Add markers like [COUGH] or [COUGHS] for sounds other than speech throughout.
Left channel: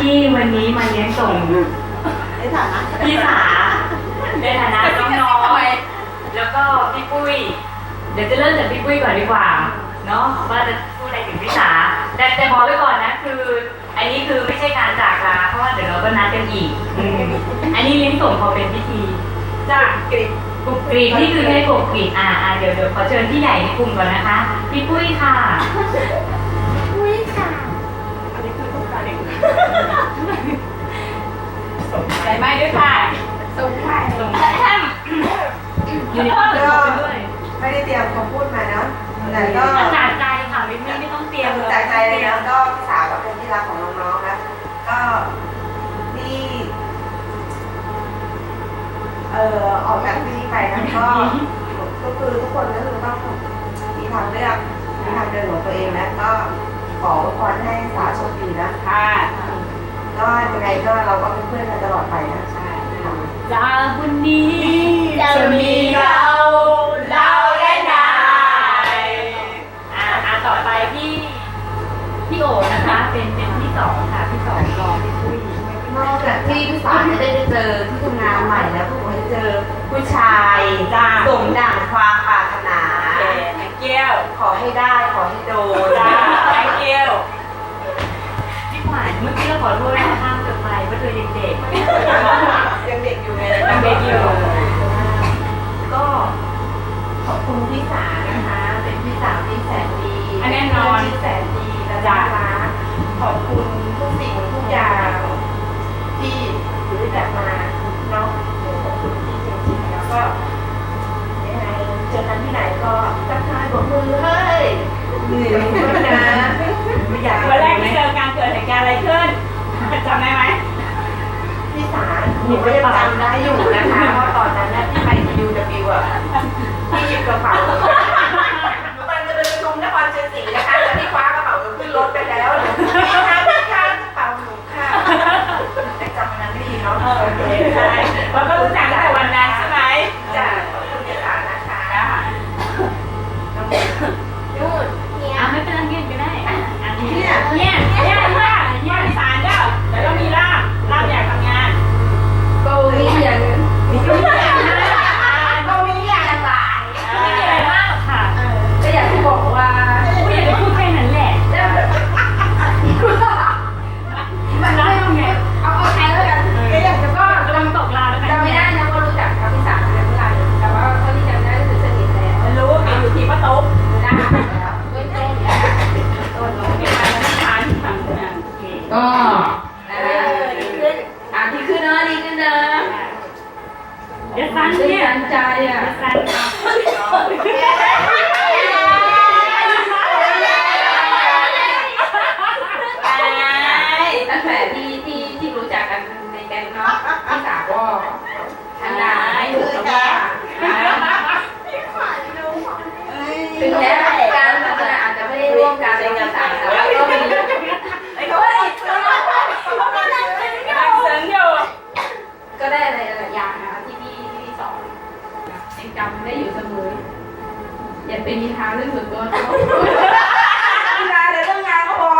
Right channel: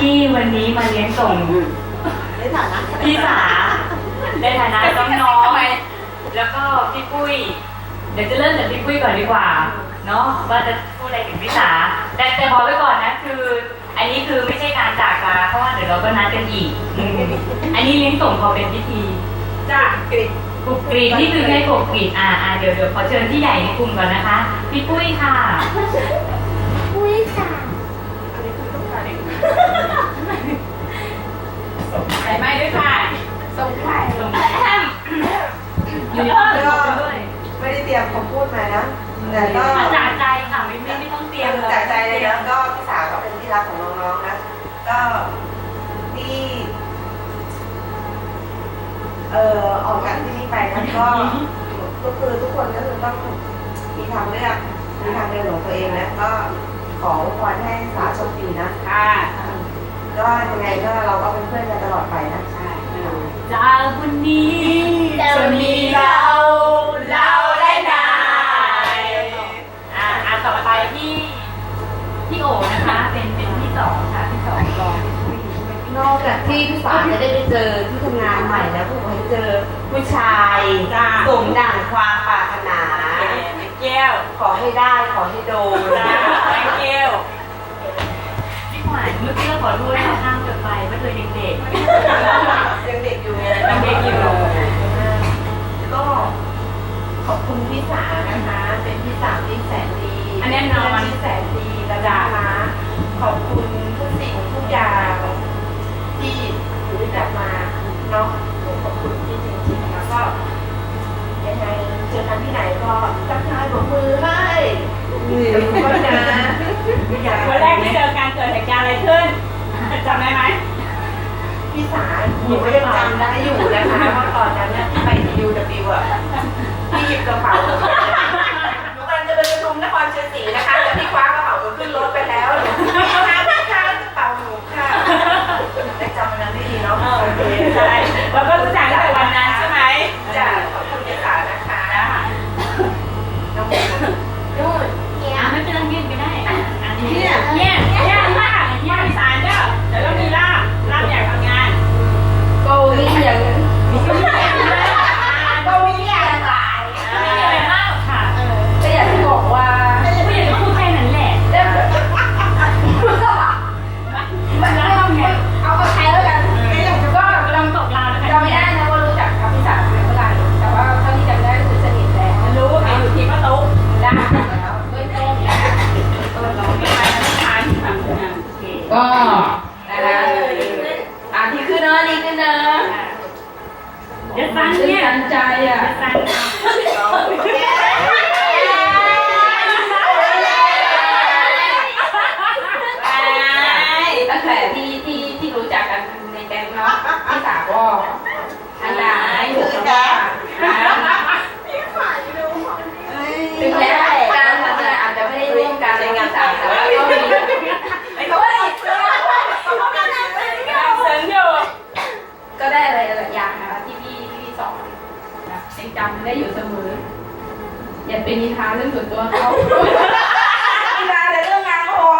ที่วันนี้มาเลี้ยงส่งในฐานะพี่สาในฐานะน้องๆแล้วก็พี่ปุ้ย เดี๋ยวจะเริ่มจากพี่ปุ้ยก่อนดีกว่า เนาะว่าจะพูดอะไรถึงพี่สาแต่แต่บอกไว้ก่อนนะคือ อันนี้คือไม่ใช่การจากลาเพราะว่าเดี๋ยวเราก็นัดกันอีกอืมอันนี้เลี้ยงส่งพอเป็นพิธีจ้ากริบปลุกกรีดนี่คือให้ปลุกกรีดอ่าอ่าเดี๋ยวเดี๋ยวขอเชิญพี่ใหญ่ในกลุ่มก่อนนะคะ พี่ปุ้ยค่ะอุ้ยค่ะ อันนี้คือต้องการเอง ใส่ไม้ด้วยค่ะส่งไข่ส่งอยู่ในห้องประชุมด้วย ไม่ได้เตรียมคำพูดมานะแต่ก็อาจารย์ใจค่ะไม่ไม่ไม่ต้องเตรียมเลยจากใจเลยนะก็พี่สาวก็เป็นที่รักของน้องๆนะ ก็ที่เอ่อออกจากที่นี่ไปนะก็ทุกคือทุกคนก็คือต้องมีทางเลือกมีทางเดินของตัวเองนะก็ขออวยพรให้สาวโชคดีนะค่ะ ก็ยังไงก็เราก็เป็นเพื่อนกันตลอดไปนะใช่จากวันนี้จะมีเราเราและนายอ่าอ่าต่อไปพี่พี่โอนะคะเป็นเป็นที่สองค่ะที่สองรอพี่ปุ้ยนอกจากที่พี่สาวจะได้ไปเจอที่ทำงานใหม่แล้วก็ขอให้เจอผู้ชายจ้าสมดั่งความปรารถนาแม่แก้วขอให้ได้ขอให้โดนจ้าแม่แก้วพี่ขวัญ เมื่อกี้เราขอรู้แล้วข้ามจบไปว่าเธอยังเด็กยังเด็กอยู่ไงยังเด็กอยู่ก็ขอบคุณพี่สานะคะ เป็นพี่สาวที่แสนดีแน่นอนที่แสนดีและจ้าขอบคุณทุกสิ่งทุกอย่างที่รู้จักมาเนาะขอบคุณที่จริงๆแล้วก็ยังไง จอกันที่ไหนก็ทักทายบอกมือให้หนึ่งด้วยนะอยากวันแรกที่เจอกันเกิดเหตุการณ์อะไรขึ้นจำได้ไหมพี่สาหนูก็ยังจำได้อยู่นะคะว่าตอนนั้นน่ะที่ไป UW อะที่หยิบกระเป๋าหนูกำลังจะไปประชุมนครชัยศรีนะคะแต่พี่คว้ากระเป๋าหนูขึ้นรถไปแล้วหนูพี่คะพี่คะกระเป๋าหนูค่ะแต่จำมันได้ดีเนาะโอเคใช่เราก็รู้จัก Yeah. [COUGHS] ยังจำได้อยู่เสมอ อย่าเป็นนิทานเรื่องส่วนตัวเขานิทานแต่เรื่องงานก็พอ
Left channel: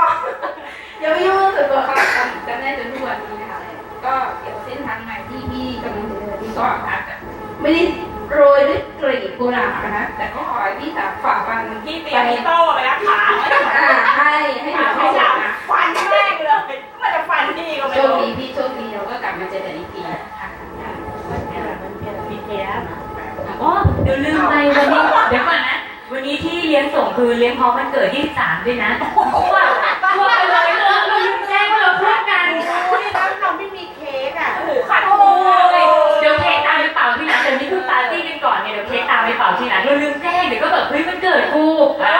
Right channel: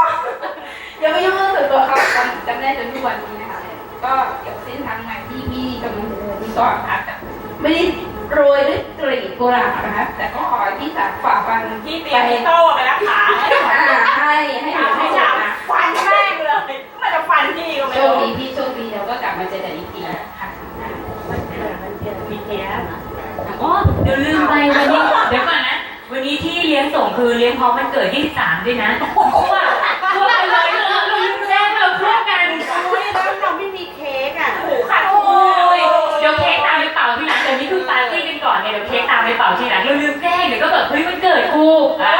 อย่าไปยุ่งเรื่องส่วนตัวเขาจำจำได้จนทุกวันนี้นะคะก็เกี่ยวกับเส้นทางใหม่ที่พี่กำลังเดินที่ก็อาจจะไม่ได้โรยด้วยกลีบกุหลาบนะคะแต่ก็ขอให้พี่สาวฝ่าฟันพี่เตรียมพี่โต้ไปรักษาอ่าให้ให้หนูให้ให้จัจับบนะฟันแม่งเลยมันจะฟันพี่ก็ไม่โชครู้ดีพี่โชคดีเราก็กลับมาเจอกันอีกทีค่ะ มีแก๊สอ๋อเดี๋ยวลืมไปวันนี้เดี๋ยวก่อนนะ วันนี้ที่เลี้ยงส่งคือเลี้ยงพร้อมวันเกิดที่สามด้วยนะเพราะว่าพวกกันเลยเราเราลืมแจ้งว่าเราเพื่อนกันแล้วเราไม่มีเค้กอะ โอ้โหขัดโอ้ยเดี๋ยวเค้กตามไปเป่าที่หลังเดี๋ยวนี้คือปาร์ตี้กันก่อนไงเดี๋ยวเค้กตามไปเป่าที่หลังเราลืมแจ้งเดี๋ยวก็แบบเฮ้ยมันเกิดกูอะ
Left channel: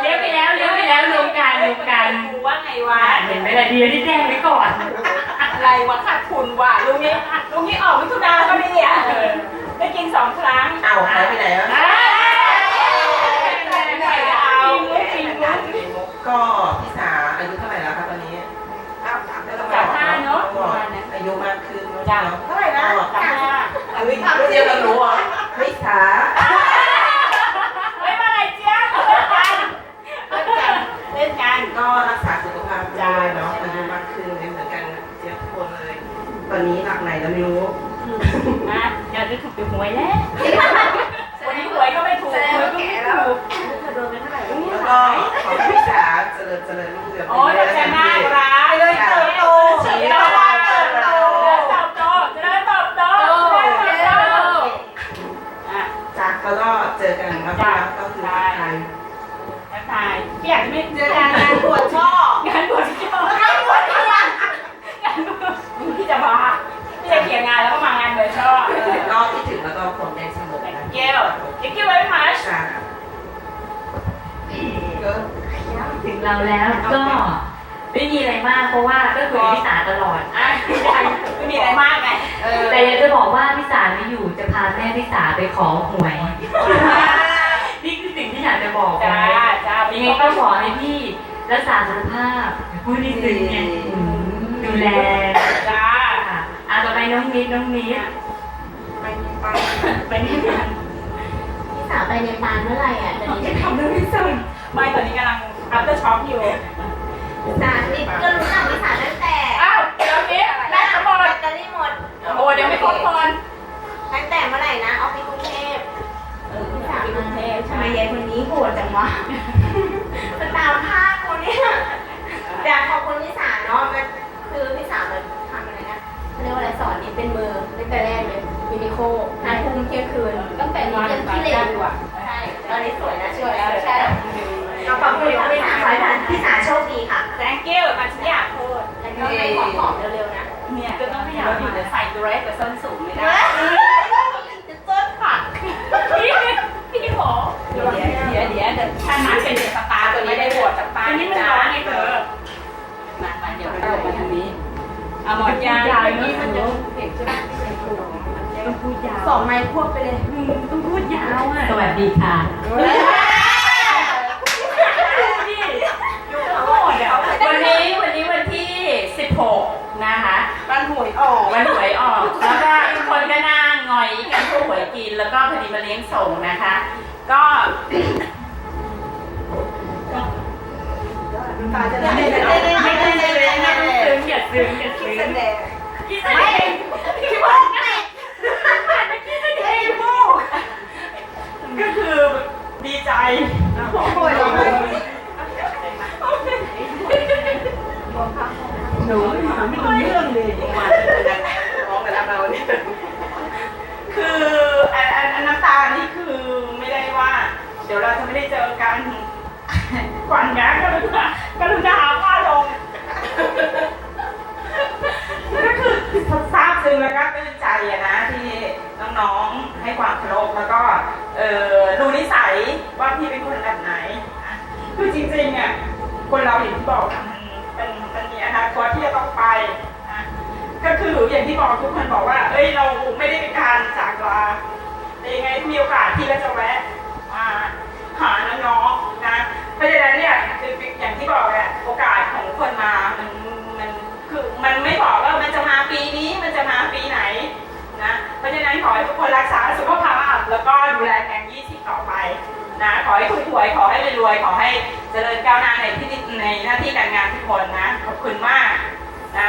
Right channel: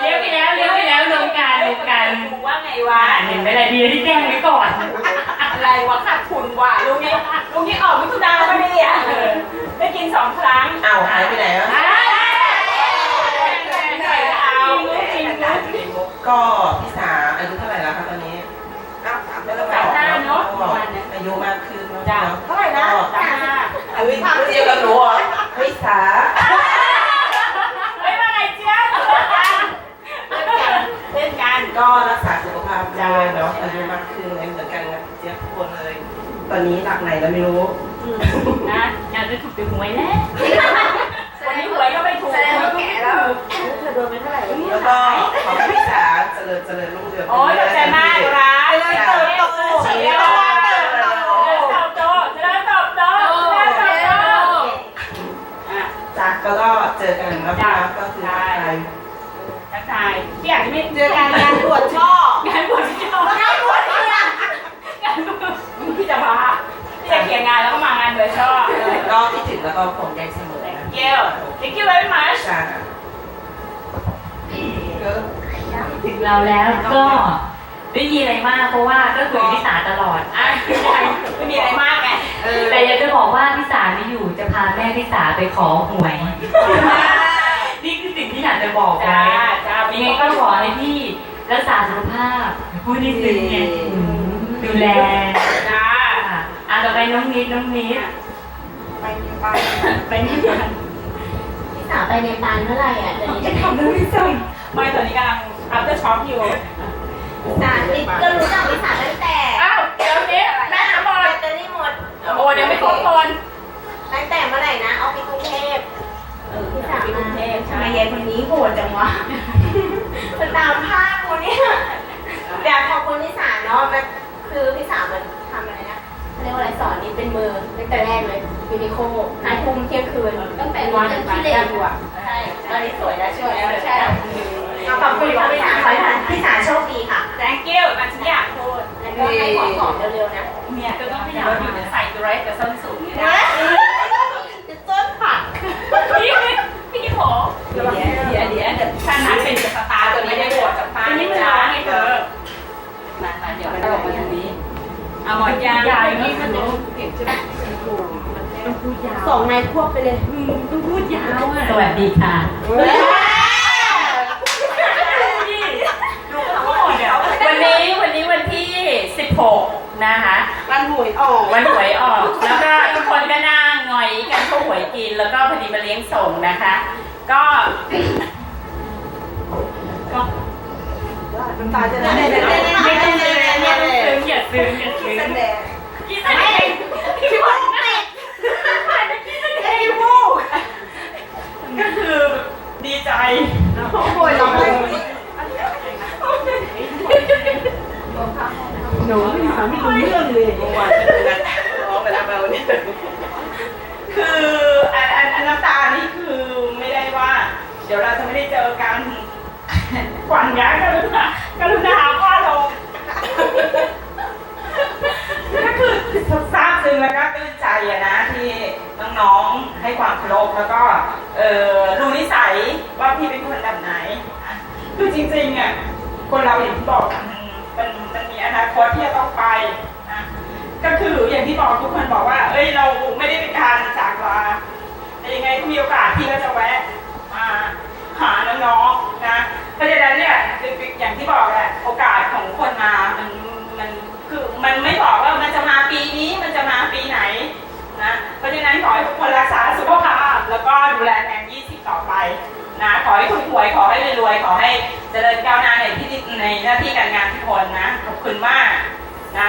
เลี้ยงไปแล้วเลี้ยงไปแล้วลงกันลงกัน ว่าไงวะอะเห็นไหมล่ะดีที่แจ้งไว้ก่อนเไรวะขาดทุนว่ะลุงนี้ลุงนี้ออกมิถุนาก็ไม่เนี่ยเออได้กินสองครั้งอ้าวหายไปไหนวะอ่าเอาจริงจริงก็พี่สาอายุเท่าไหร่แล้วคะตอนนี้สามห้าเนาะก็อายุมากขึ้นเนอะจ้ะเนาะเท่าไหร่นะสามห้าเฮ้ยเทียบกับหนูเหรอเฮ้ยสาเฮ้ยว่าไงเจ๊ยบเล่นกันเล่นกันก็รักษาสุขภาพด้วยเนาะอายุมากขึ้น เหมือนกันนะเจี๊ยบทุกคนเลย ตอนนี้หลักไหนแล้วไม่รู้นะอยากจะถูกเป็นหวยแล้ววันนี้หวยก็ไม่ถูกแสดงหวยว่าก็แก่ไม่แล้วถูกเธอโดนไปเท่าไหร่แล้วก็ขอให้พี่สาเจริญเจริญรุ่งเรืองโอ้ยขอบใจมากร้ายเลยเติบโตเฉียบมากเติบโตเติบโตเจริญเติบโตเจริญเติบโตอะจ้ะก็ก็เจอกันแล้วก็ก็คือทักทายทักทายพี่อยากไม่เจอกันงานบวชช่องานบวชพี่ชอบงานบวชพี่อยาก งานบวชพี่จะมาพี่จะเขียนงานแล้วก็มางานบวชชอบก็คิดถึงแล้วก็ผมใจเสมอนะเกล thank you very much จ้ะถึงเราแล้วก็ไม่มีอะไรมากเพราะว่าก็คุยกับพี่สาตลอด อะไม่มีอะไรมากไงเออแต่อยากจะบอกว่าพี่สาไม่อยู่จะพาแม่พี่สาไปขอหวยนี่คือสิ่งที่อยากจะบอกจ้าไว้จ้ายังไงก็ขอให้พี่รักษาสุขภาพพูดนิดนึงไงอืม ดูแลจ้าอะอะต่อไปน้องนิดน้องนิดไปในปาไปที่งานพี่สาวไปในปานเมื่อไหร่อะเดี๋ยวนี้ทำเรื่องที่ส่งไม่ตอนนี้กำลัง after shop อยู่สารนิดก็รู้จักพี่สาวตั้งแต่อ้าวเดี๋ยวนี้น่าจะหมแบดตเตอรี่หมดโอ้เดี๋ยวไม่ครบคนตั้งแต่เมื่อไหร่นะเอาไปกรุงเทพเออพี่สาวกรุงเทพใช่ทำไมยายคนนี้โหดจังวะมันตามภาพคนนี้อยากขอบคุณพี่สาวเนาะมัน คือพี่สาวมันทำอะไรนะเรียกว่าอะไรสอนนี่เป็นมือตั้งแต่แรกเลยยูนิโคหายภูมิเที่ยงคืนตั้งแต่วันที่เด็กอยู่อะใช่ตอนนี้สวยแล้วสวยแล้วใช่ขอบคุณพี่สาวพี่สาวโชคดีค่ะ thank you มันฉันอยากพูดแล้วก็ให้ของหอมเร็วๆนะเนี่ยจะต้องไม่อยากอยู่ใส่ดรสกับส้นสูงเนี่ยนะจะต้นผักพี่พี่หมอเดี๋ยวเดี๋ยวเดี๋ยวเดี๋ยวถ้าหาเป็นสตาร์ตัวนี้ได้บวชจากฟ้านี่มันร้อนไงเธอมา มาเดี๋ยวไปบอกมันทางนี้เอาหมดยางนี่มันจะเห็นใช่ไหมต้องพูดยาวสองไม้ควบไปเลยต้องพูดยาวอะสวัสดีค่ะดูทั้งหมดเดี๋ยววันนี้วันนี้วันที่ 16 นะคะมันหวยออกวันหวยออกแล้วก็ทุกคนก็นั่งหงอยกันพวกหวยกินแล้วก็พอดีมาเลี้ยงส่งนะคะ ก็ก็ น้ำตาจะไหลไม่ต้องซึ้งไม่ต้องซึ้งอย่าซึ้งอย่าซึ้งแสดงพี่แสดงพี่พูดนะพี่พูดก็คือดีใจหวยร้องเลยหนูไม่รู้ไม่รู้เรื่องเลยวานร้องกันแล้วมาวันนี้คืออันอันน้ำตานี่คือไม่ได้ว่า เดี๋ยวเราจะไม่ได้เจอกัน ขวัญย้ายกรุณากรุณาพ่อลงก็คือทราบซึ้งแล้วก็ตื้นใจอะนะที่น้องๆให้ความเคารพแล้วก็เออดูนิสัยว่าพี่เป็นคนแบบไหน คือจริงๆอะคนเราอย่างที่บอกมันมันมันมีอนาคตที่จะต้องไปนะก็คืออย่างที่บอกทุกคนบอกว่า เอ้ยเราไม่ได้เป็นการจากลาแต่ยังไงมีโอกาสพี่ก็จะแวะ ราะฉะนั้นเนี่ยคืออย่างที่บอกแหละโอกาสของคนมามันมันคือมันไม่บอกว่ามันจะมาปีนี้มันจะมาปีไหนนะเพราะฉะนั้นขอให้ทุกคนรักษาสุขภาพ แล้วก็ดูแลแทน20ต่อไปนะขอให้คุณรวยขอให้รวยขอให้เจริญก้าวหน้าในที่ในหน้าที่การงานทุกคนนะขอบคุณมากนะ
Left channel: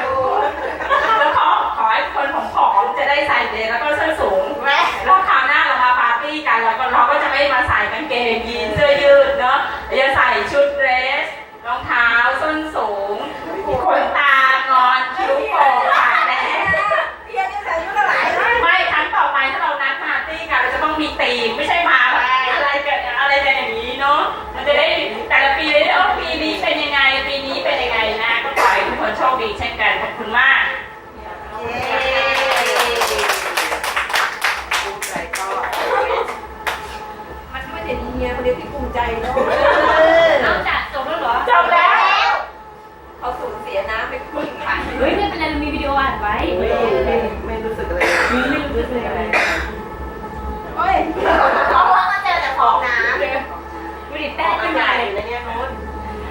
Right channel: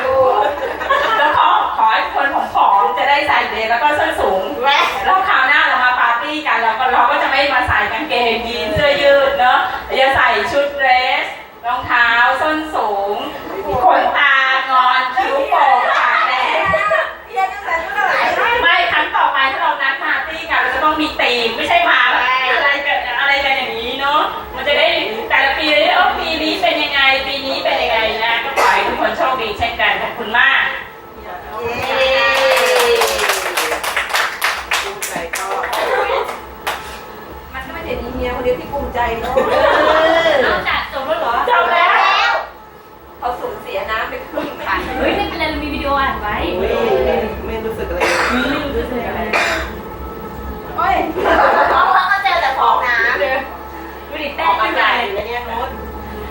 ดูแล้วขอขอให้คนผอมๆจะได้ใส่เดรแล้วก็ส้นสูง ไม่มาใส่กางเกงยีนเสื้อยืดเนาะจะใส่ชุดเดรสรองเท้าส้นสูงขนตางอนคิ้วโป่งปากแดงเพี้ยนตั้งแต่เมื่อไหร่ไม่ครั้งต่อไปถ้าเรานัดปาร์ตี้กันเราจะต้องมีตีมไม่ใช่ คนเดียวที่ภูมิใจเนาะเอาจัดจบแล้วเหรอจบแล้ว เขาสูญเสียน้ำไปครึ่งขันเฮ้ยไม่เป็นไรเรามีวิดีโออัดไว้ไม่ไม่ไม่รู้สึกอะไรไม่รู้สึกอะไรโอ้ยเพราะว่าก็เจอแต่ฟองน้ำดูดิอแป้องกขึ้อานกาใหศญ่อยู่ในเนี้ยโน้ต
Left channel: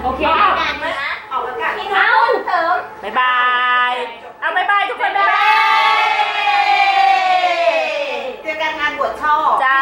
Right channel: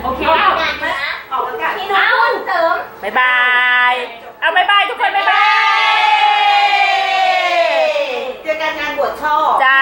โอเคงานเยอะนะออกอากาศมีทุกคนเสริมบายบายเอาบายบายทุกคนบายบายเจอกันงานบวชช่อจ้า